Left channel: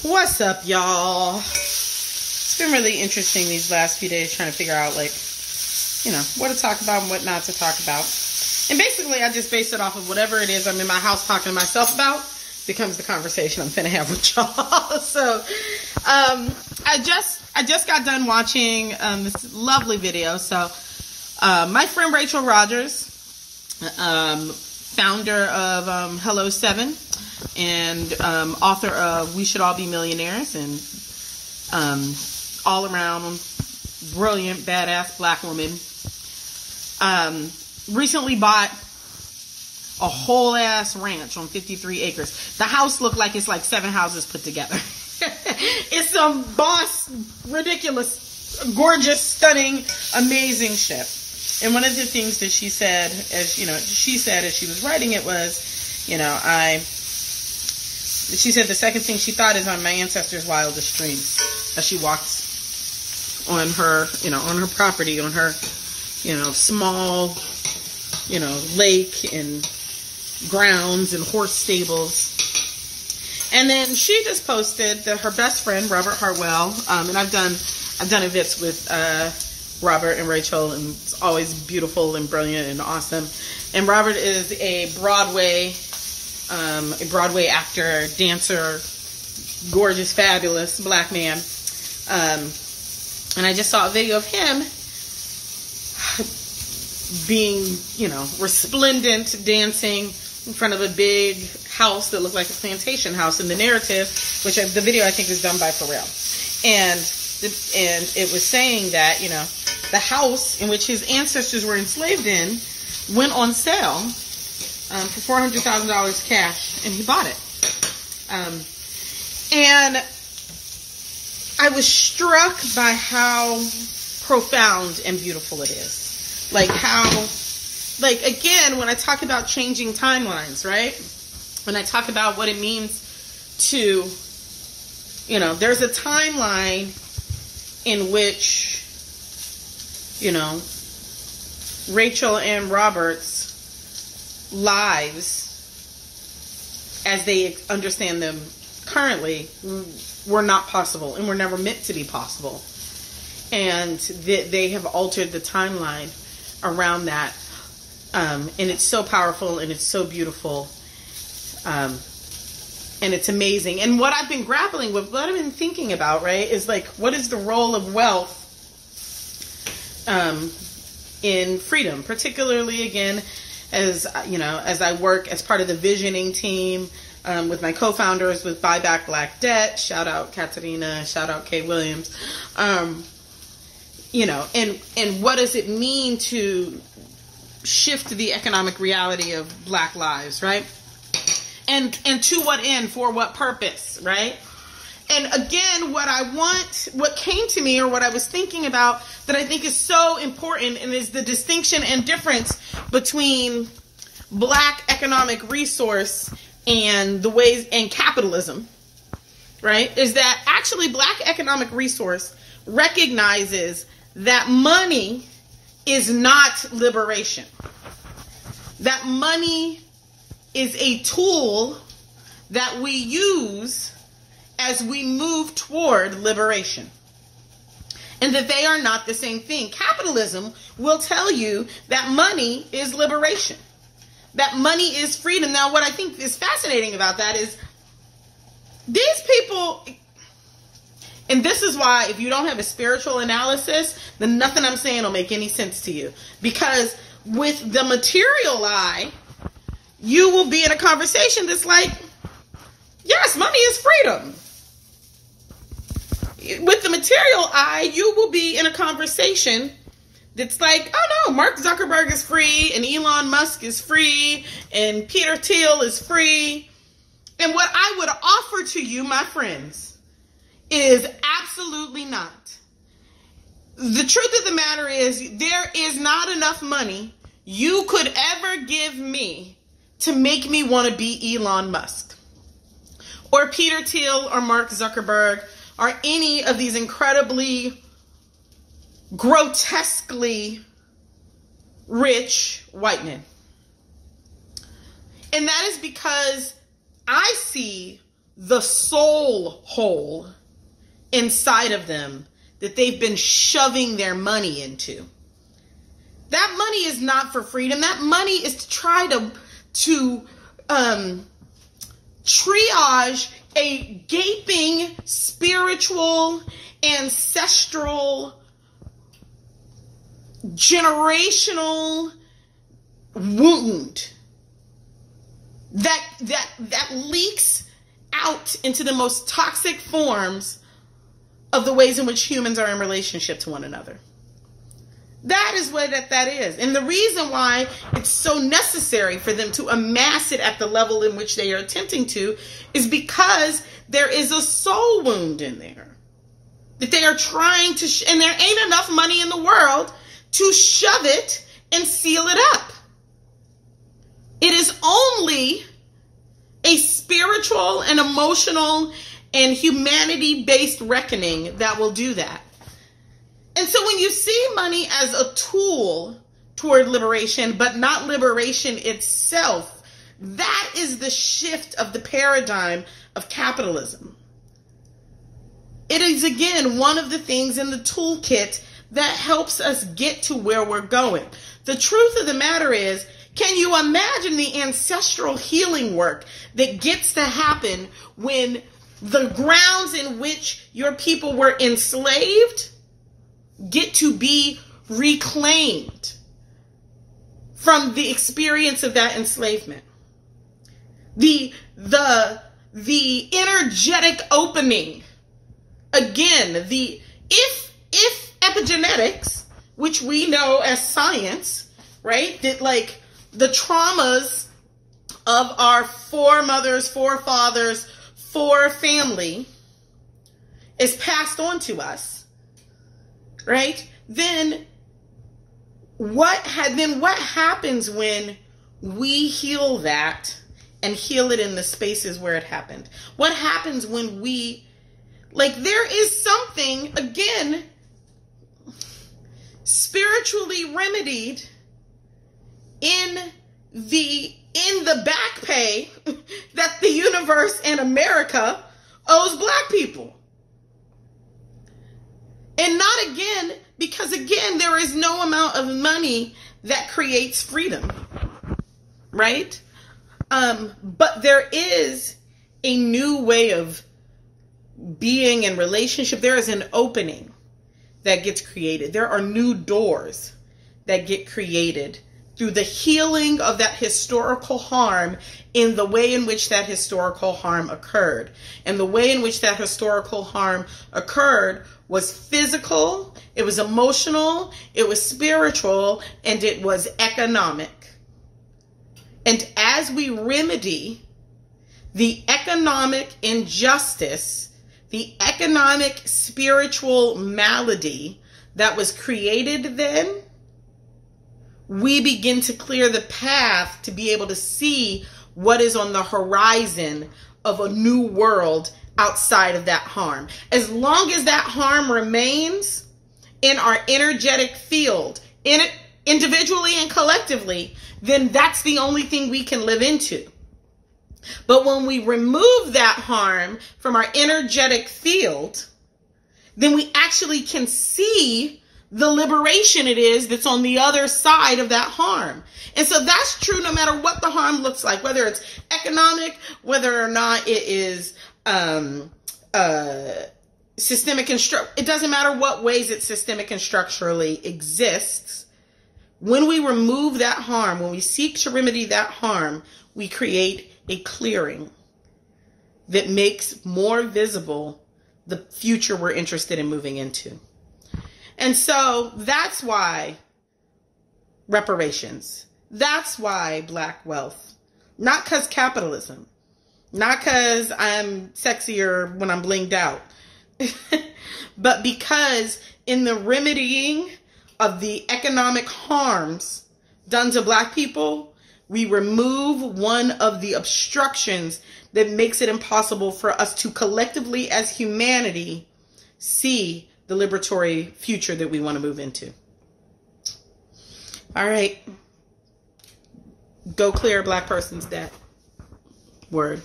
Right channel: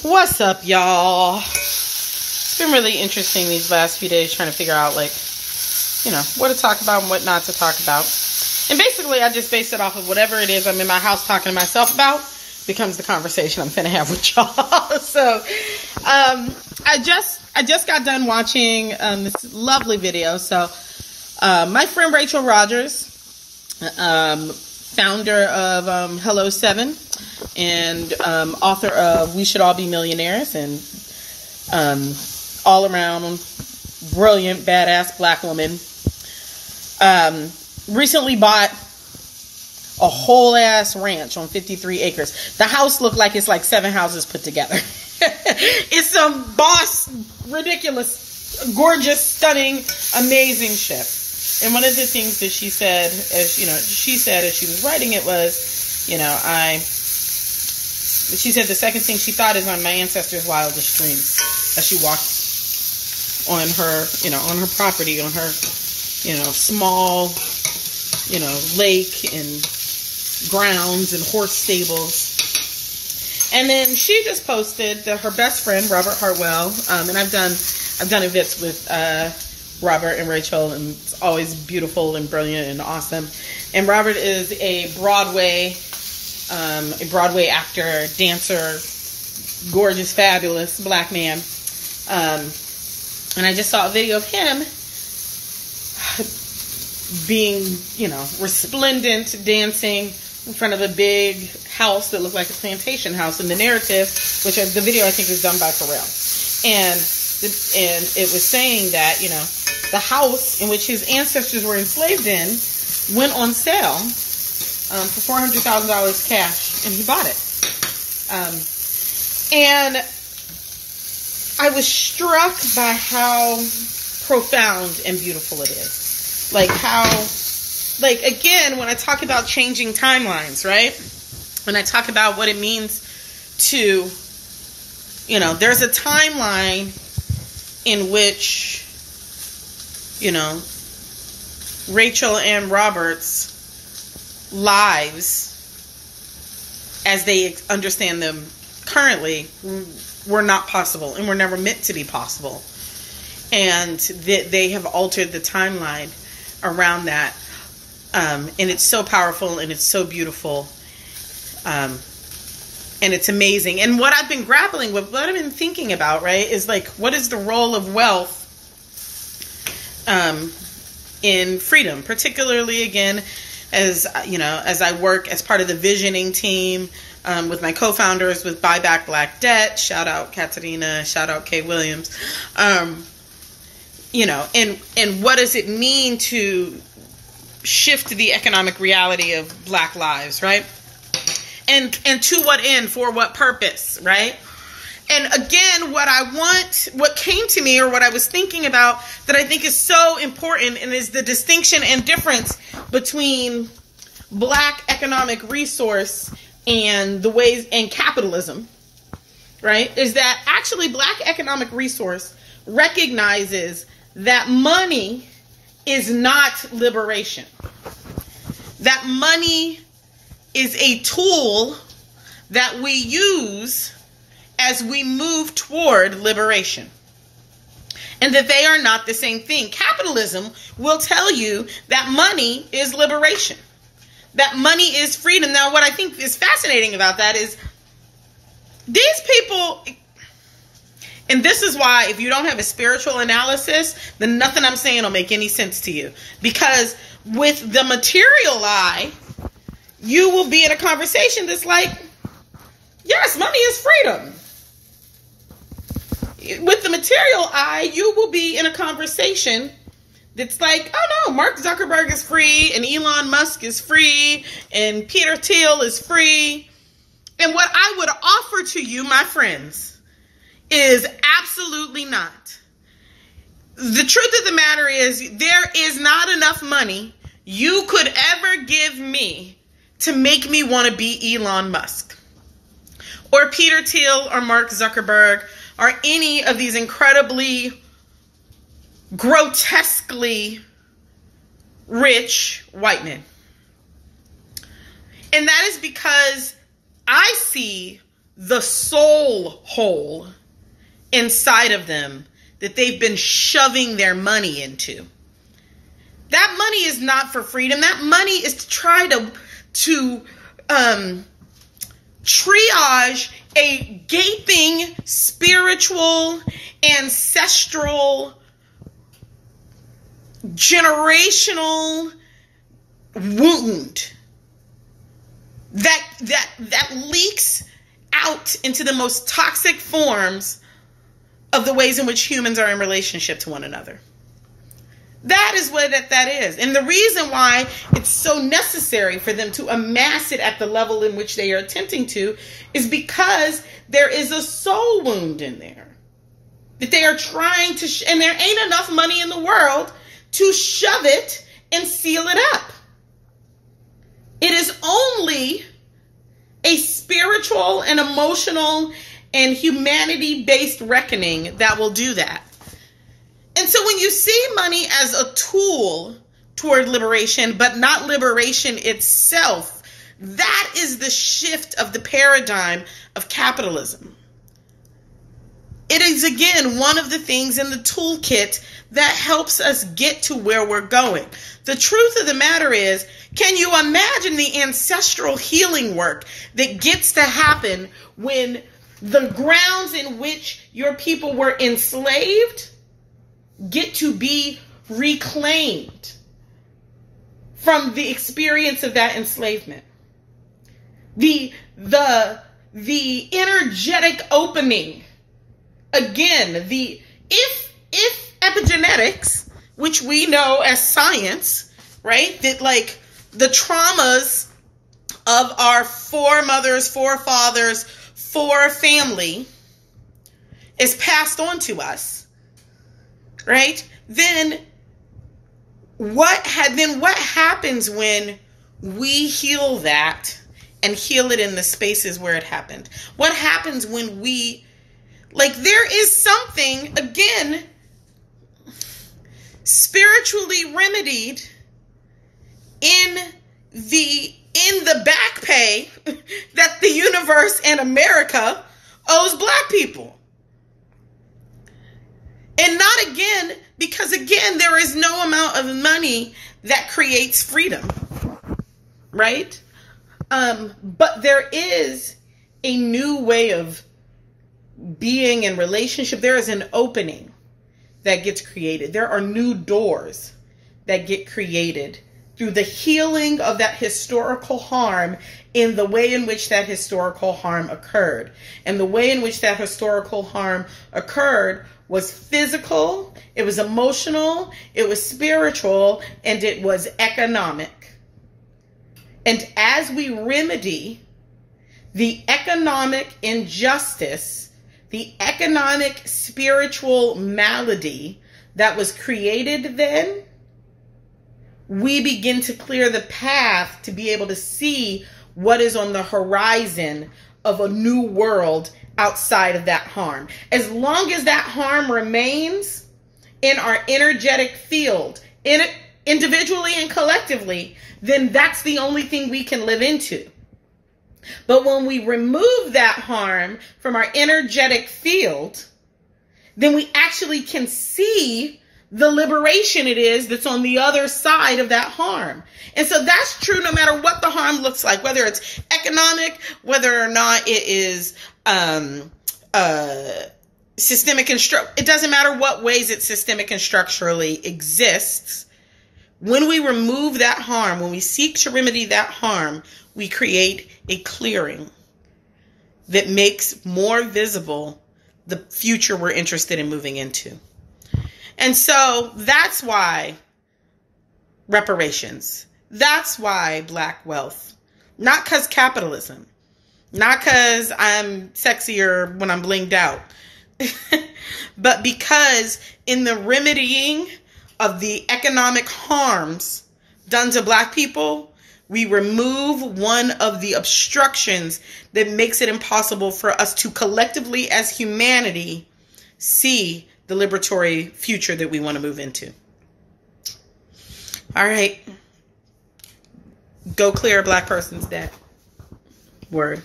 What's up, y'all? It's been really interesting these last few days trying to figure out, like, you know, what to talk about and what not to talk about. And basically, I just base it off of whatever it is I'm in my house talking to myself about becomes the conversation I'm finna have with y'all. So, I just got done watching this lovely video. So, my friend Rachel Rogers, founder of Hello 7 and author of We Should All Be Millionaires, and all around brilliant, badass black woman, recently bought a whole ass ranch on 53 acres. The house looked like it's like 7 houses put together. It's some boss, ridiculous, gorgeous, stunning, amazing shit. And one of the things that she said, as you know, she was writing it was, you know, she said the second thing she thought is on my ancestors' wildest dreams as she walked on her, you know, on her property, on her, you know, small, you know, lake and grounds and horse stables. And then she just posted that her best friend, Robert Hartwell, and I've done events with Robert and Rachel, and it's always beautiful and brilliant and awesome. And Robert is a Broadway actor, dancer, gorgeous, fabulous black man. And I just saw a video of him being, you know, resplendent, dancing in front of a big house that looked like a plantation house. And the narrative, which the video I think was done by Pharrell, and it was saying that, you know, the house in which his ancestors were enslaved in went on sale for $400,000 cash, and he bought it. And I was struck by how profound and beautiful it is. Like how, like, again, when I talk about changing timelines, right? When I talk about what it means to, you know, there's a timeline in which, you know, Rachel and Robert's lives, as they understand them currently, were not possible and were never meant to be possible. And they have altered the timeline around that. And it's so powerful and it's so beautiful. And it's amazing. And what I've been grappling with, what I've been thinking about, right, is like, what is the role of wealth in freedom? Particularly, again, as you know, as I work as part of the visioning team with my co-founders with Buy Back Black Debt. Shout out Katharina, shout out Kay Williams. You know, and what does it mean to shift the economic reality of black lives, right? And to what end, for what purpose, right? And again, what came to me, or what I was thinking about that I think is so important, and is the distinction and difference between black economic resource and the ways, and capitalism, right? Is that actually black economic resource recognizes that money is not liberation. That money is a tool that we use as we move toward liberation. And that they are not the same thing. Capitalism will tell you that money is liberation. That money is freedom. Now, what I think is fascinating about that is these people, and this is why if you don't have a spiritual analysis, then nothing I'm saying will make any sense to you. Because with the material eye, you will be in a conversation that's like, yes, money is freedom. With the material eye, you will be in a conversation that's like, oh no, Mark Zuckerberg is free, and Elon Musk is free, and Peter Thiel is free. And what I would offer to you, my friends, is absolutely not. The truth of the matter is, there is not enough money you could ever give me to make me want to be Elon Musk or Peter Thiel or Mark Zuckerberg or any of these incredibly, grotesquely rich white men. And that is because I see the soul hole inside of them that they've been shoving their money into. That money is not for freedom. That money is to try to triage a gaping spiritual, ancestral, generational wound that leaks out into the most toxic forms of the ways in which humans are in relationship to one another. That is what that is. And the reason why it's so necessary for them to amass it at the level in which they are attempting to is because there is a soul wound in there that they are trying to, and there ain't enough money in the world to shove it and seal it up. It is only a spiritual and emotional and humanity-based reckoning that will do that. And so when you see money as a tool toward liberation, but not liberation itself, that is the shift of the paradigm of capitalism. It is, again, one of the things in the toolkit that helps us get to where we're going. The truth of the matter is, can you imagine the ancestral healing work that gets to happen when the grounds in which your people were enslaved get to be reclaimed from the experience of that enslavement? The energetic opening, again, if epigenetics, which we know as science, right, that like the traumas of our foremothers, forefathers, family is passed on to us, right? Then what happens when we heal that and heal it in the spaces where it happened? What happens when we, like, there is something, again, spiritually remedied in the back pay that the universe and America owes Black people. And not again, because again, there is no amount of money that creates freedom, right? But there is a new way of being in relationship. There is an opening that gets created. There are new doors that get created through the healing of that historical harm in the way in which that historical harm occurred. And the way in which that historical harm occurred was physical, it was emotional, it was spiritual, and it was economic. And as we remedy the economic injustice, the economic spiritual malady that was created then, we begin to clear the path to be able to see what is on the horizon of a new world outside of that harm. As long as that harm remains in our energetic field, in it individually and collectively, then that's the only thing we can live into. But when we remove that harm from our energetic field, then we actually can see the liberation it is that's on the other side of that harm. And so that's true no matter what the harm looks like, whether it's economic, whether or not it is systemic and it doesn't matter what ways it's systemic and structurally exists. When we remove that harm, when we seek to remedy that harm, we create a clearing that makes more visible the future we're interested in moving into. And so that's why reparations. That's why Black wealth. Not because capitalism. Not because I'm sexier when I'm blinged out. But because in the remedying of the economic harms done to Black people, we remove one of the obstructions that makes it impossible for us to collectively as humanity see the liberatory future that we want to move into. All right. Go clear a Black person's debt. Word.